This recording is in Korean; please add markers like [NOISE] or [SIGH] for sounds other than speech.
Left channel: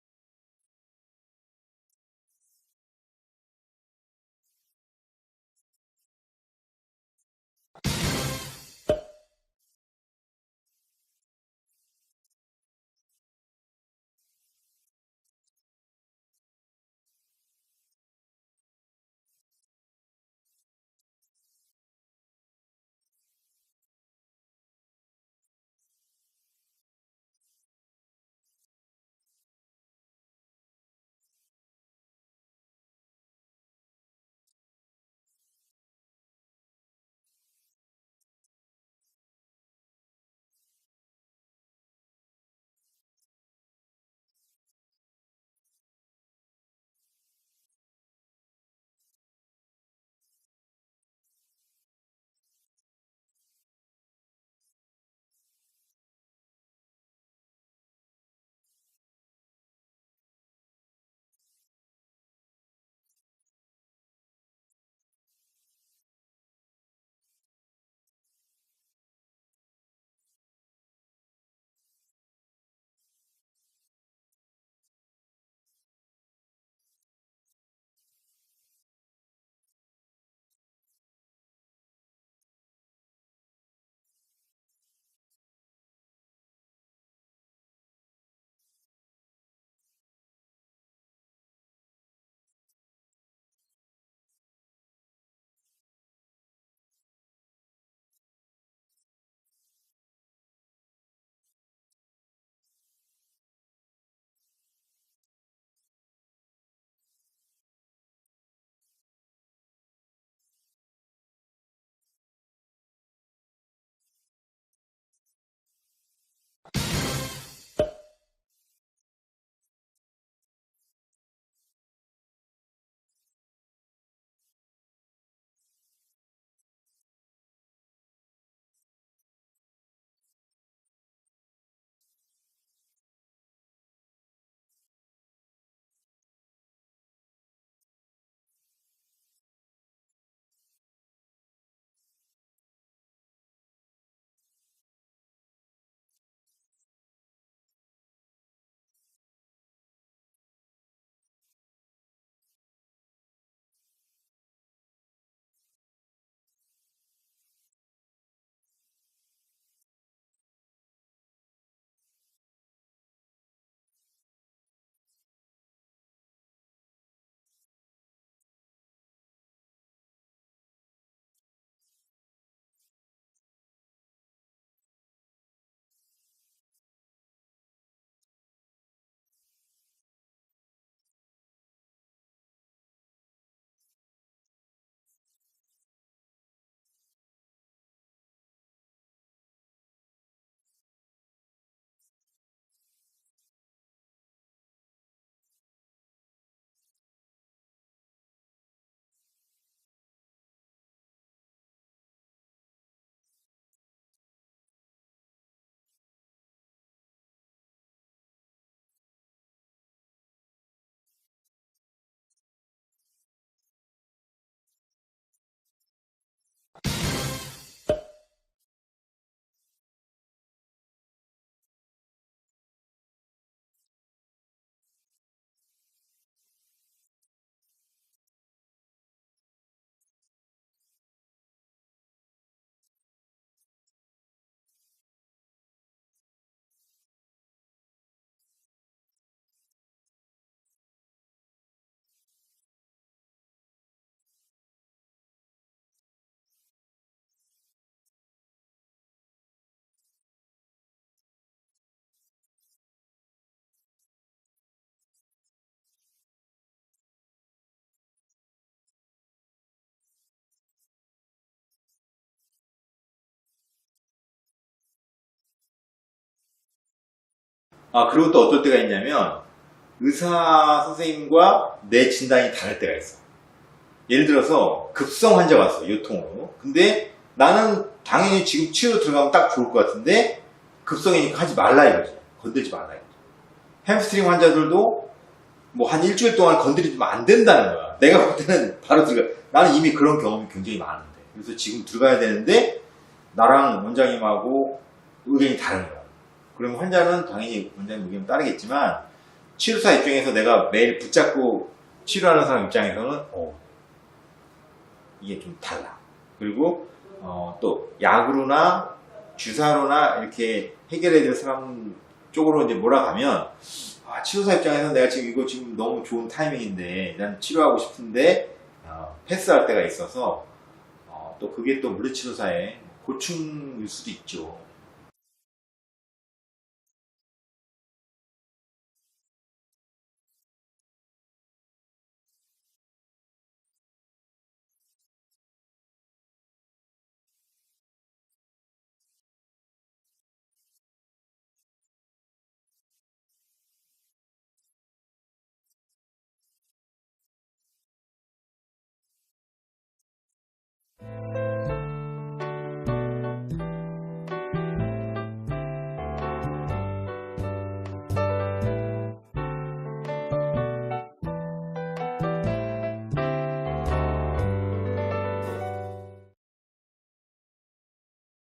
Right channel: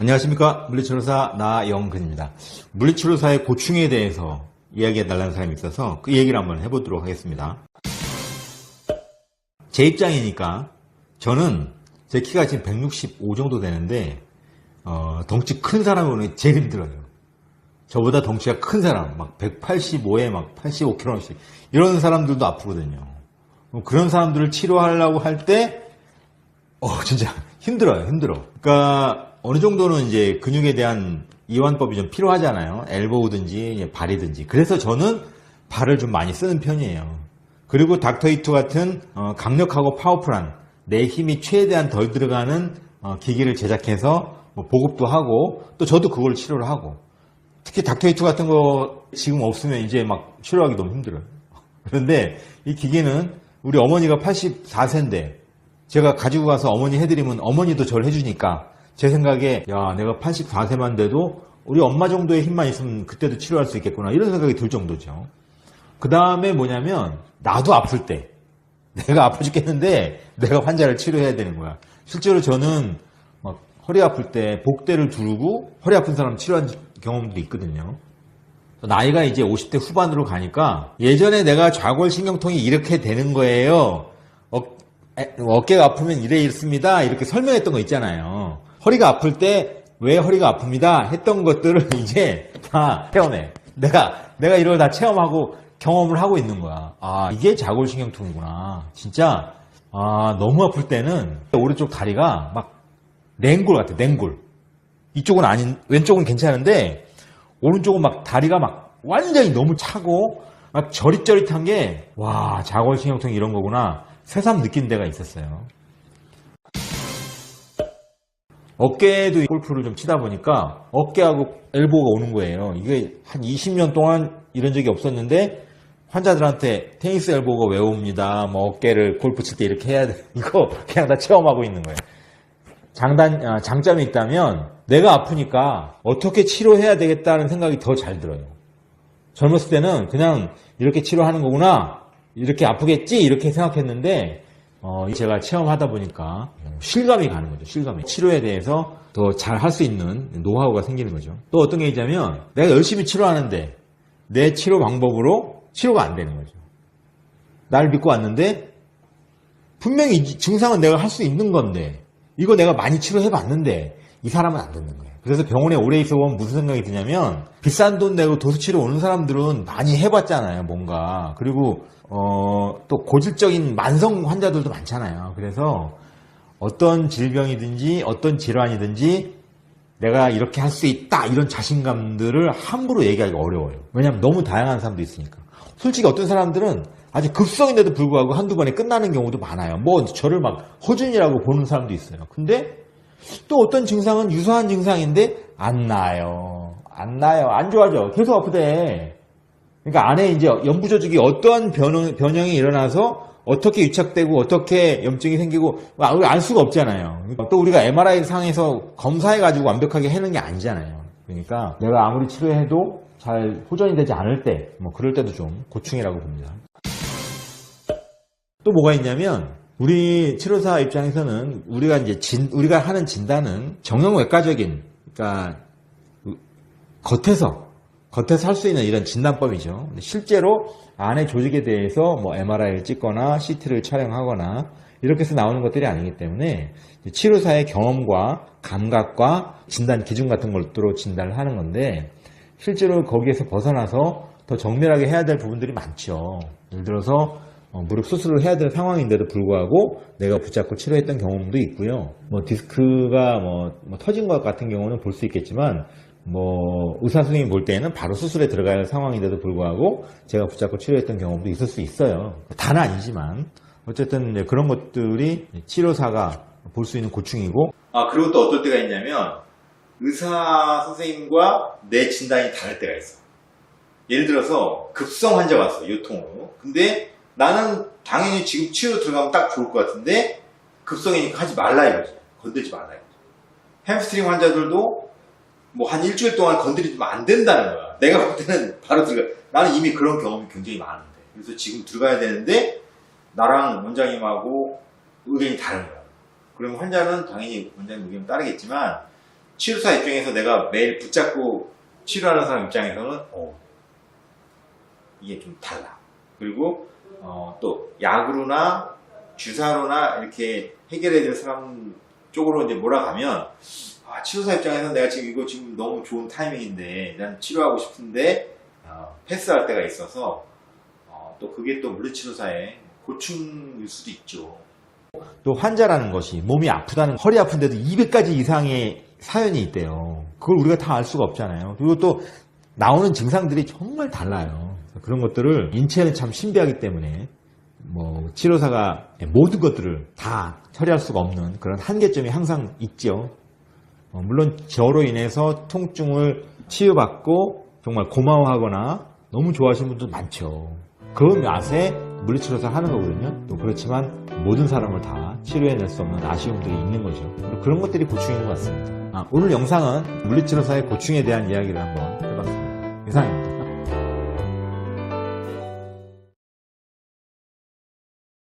안녕하십니까 물리치료사 나영근입니다. 물리치료사의 고충에 대해서 이야기해 달라는 사람이 있어서 그 얘기를 한번 해보도록 하겠습니다. 제 입장이니까 저는 제 키가 지금 165 정도 되는데 어, 덩치 큰 사람이 오는 게 제일 힘들어요. 저보다 덩치가 큰 사람, 막 185에 막 85kg씩 이런 사람들도 아프거든요. 뭐 그런 사람들을 치료하려고 할 때, 어, 진짜 힘들어요, 힘들어. 그러니까 어느 정도는 이제 근육에 대한 이완법이 좀 필요하잖아요. 엘보우든지 발이든지. 그래서 저는 발을 좀 많이 쓰는 편이에요. 그리고 닥터이투 같은 어, 강력하고 파워풀한 내 힘이 최대한 덜 들어가는 어, 기기를 제작해서 뭐 보급도 하고 또 저도 그걸 치료를 하고 특히 닥터이투 같은 거 지금 없으면 이제 막 치료하기 너무 힘들어요. 그런데 이 기계는 우리 어머니가 84세인데 제가 가지고 가서 어머니 해드리면 어머니도 저를 해주니까 제 생각에 야 내가 84세만 돼도 우리 엄마 정도의 힘만 있으면 그때도 치료할 수 있겠구나 이런 생각이 들 정도죠. 그 다음에 뭐냐면 나도 아플 때 [LAUGHS] 내가 아파 죽겠는데 내가 환자를 치료해야 되는 거야. 실제로 저는 막 허리 아플 때 복대를 두르고 허리 아픈 사람 치료한 경험도 있거든요. 나이가 이제 50대 후반으로 가니까 예전에 내가 좌골신경통이 이렇게 되는 거예요. 어, 에, 어깨가 아프면 이래 있습니다. 이렇게 설명했던 거 있잖아요. 허리가 아플 때 왜 허리가 아픕니다. 했던 것들을 [LAUGHS] 이제 다 체험해. 내가 내가 이걸 다 체험하고 경험을 하고 있는 거야. 아 이게 좌골신경통이구나. 진짜 아 너무 아플 때는 오른쪽 다리가 막 냉골 같아. 냉골. 이쪽은 아닌 왼쪽은 괜찮은데 오른쪽은 막 다리가 막 완전히 너무 차고 막 저릿저릿한 게 와 자골신경통 이런 거구나 새삼 느낀 데가 있었어요. 어깨에도 골프를 좀 치다 보니까 어깨하고 엘보가 오는 거예요. 이게 한 20년 동안 이런 적이 없었는데 환자들한테 테니스 엘보가 왜 옵니다. 뭐 어깨를 골프 칠 때 이렇게 해야 돼. [LAUGHS] 이거 그냥 다 체험하고 있는 거예요. 장단, 아, 장점이 있다면 내가 아프니까 어떻게 치료해야 되겠다는 생각이 더 잘 들어요. 젊었을 때는 그냥 이렇게 치료하는 거구나. 이렇게 아프겠지? 이렇게 생각했는데, 어, 제가 체험하다 보니까 실감이 가는 거죠. 실감이. 치료에 대해서 더 잘 할 수 있는 노하우가 생기는 거죠. 또 어떤 게 있냐면 내가 열심히 치료하는데 내 치료 방법으로 치료가 안 되는 거죠. 나를 믿고 왔는데 분명히 이 증상은 내가 할 수 있는 건데 이거 내가 많이 치료해 봤는데 이 사람은 안 듣는 거예요. 그래서 병원에 오래 있어 보면 무슨 생각이 드냐면 비싼 돈 내고 도수 치료 오는 사람들은 많이 해봤잖아요, 뭔가. 그리고 어, 또 고질적인 만성 환자들도 많잖아요. 그래서 어떤 질병이든지 어떤 질환이든지 내가 이렇게 할 수 있다 이런 자신감들을 함부로 얘기하기가 어려워요. 왜냐하면 너무 다양한 사람도 있으니까. 솔직히 어떤 사람들은 아주 급성인데도 불구하고 한두 번에 끝나는 경우도 많아요. 뭐 저를 막 허준이라고 보는 사람도 있어요. 근데 또 어떤 증상은 유사한 증상인데 안 나요. 안 나요. 안 좋아져. 계속 아프대. 그러니까 안에 이제 연부 조직이 어떠한 변형, 변형이 일어나서 어떻게 유착되고 어떻게 염증이 생기고 알 수가 없잖아요. 또 우리가 MRI 상에서 검사해 가지고 완벽하게 해는 게 아니잖아요. 그러니까 내가 아무리 치료해도 잘 호전이 되지 않을 때, 뭐 그럴 때도 좀 고충이라고 봅니다. 또 뭐가 있냐면 우리 치료사 입장에서는 우리가 이제 진, 우리가 하는 진단은 정형외과적인 그러니까 겉에서 겉에서 할 수 있는 이런 진단법이죠. 실제로 안의 조직에 대해서 뭐 MRI를 찍거나 CT를 촬영하거나 이렇게 해서 나오는 것들이 아니기 때문에 치료사의 경험과 감각과 진단 기준 같은 것들로 진단을 하는 건데 실제로 거기에서 벗어나서 더 정밀하게 해야 될 부분들이 많죠. 예를 들어서 어, 무릎 수술을 해야 될 상황인데도 불구하고 내가 붙잡고 치료했던 경험도 있고요. 뭐 디스크가 뭐, 뭐 터진 것 같은 경우는 볼 수 있겠지만 뭐 의사 선생님이 볼 때는 바로 수술에 들어가야 할 상황인데도 불구하고 제가 붙잡고 치료했던 경험도 있을 수 있어요. 다는 아니지만 어쨌든 그런 것들이 치료사가 볼 수 있는 고충이고 아 그리고 또 어떨 때가 있냐면 의사 선생님과 내 진단이 다를 때가 있어. 예를 들어서 급성 환자가 왔어 요통으로. 근데 나는 당연히 지금 치료 들어가면 딱 좋을 것 같은데 급성이니까 하지 말라 이거지. 건들지 말라 이거지. 햄스트링 환자들도 뭐 한 일주일 동안 건드리면 안 된다는 거야. 내가 볼 때는 바로 들어가. 나는 이미 그런 경험이 굉장히 많은데. 그래서 지금 들어가야 되는데 나랑 원장님하고 의견이 다른 거야. 그러면 환자는 당연히 원장님 의견 따르겠지만 치료사 입장에서 내가 매일 붙잡고 치료하는 사람 입장에서는 어, 이게 좀 달라. 그리고 어, 또 약으로나 주사로나 이렇게 해결해야 될 사람 쪽으로 이제 몰아가면 아, 치료사 입장에서 내가 지금 이거 지금 너무 좋은 타이밍인데 난 치료하고 싶은데 어, 패스할 때가 있어서 어, 또 그게 또 물리치료사의 고충일 수도 있죠. 또 환자라는 것이 몸이 아프다는 허리 아픈데도 200가지 이상의 사연이 있대요. 그걸 우리가 다 알 수가 없잖아요. 그리고 또 나오는 증상들이 정말 달라요. 그런 것들을 인체는 참 신비하기 때문에 뭐 치료사가 모든 것들을 다 처리할 수가 없는 그런 한계점이 항상 있죠. 어, 물론 저로 인해서 통증을 치유받고 정말 고마워하거나 너무 좋아하시는 분도 많죠. 그 맛에 물리치료사 하는 거거든요. 또 그렇지만 모든 사람을 다 치료해낼 수 없는 아쉬움들이 있는 거죠. 그런 것들이 고충인 것 같습니다. 아, 오늘 영상은 물리치료사의 고충에 대한 이야기를 한번 해봤습니다. 이상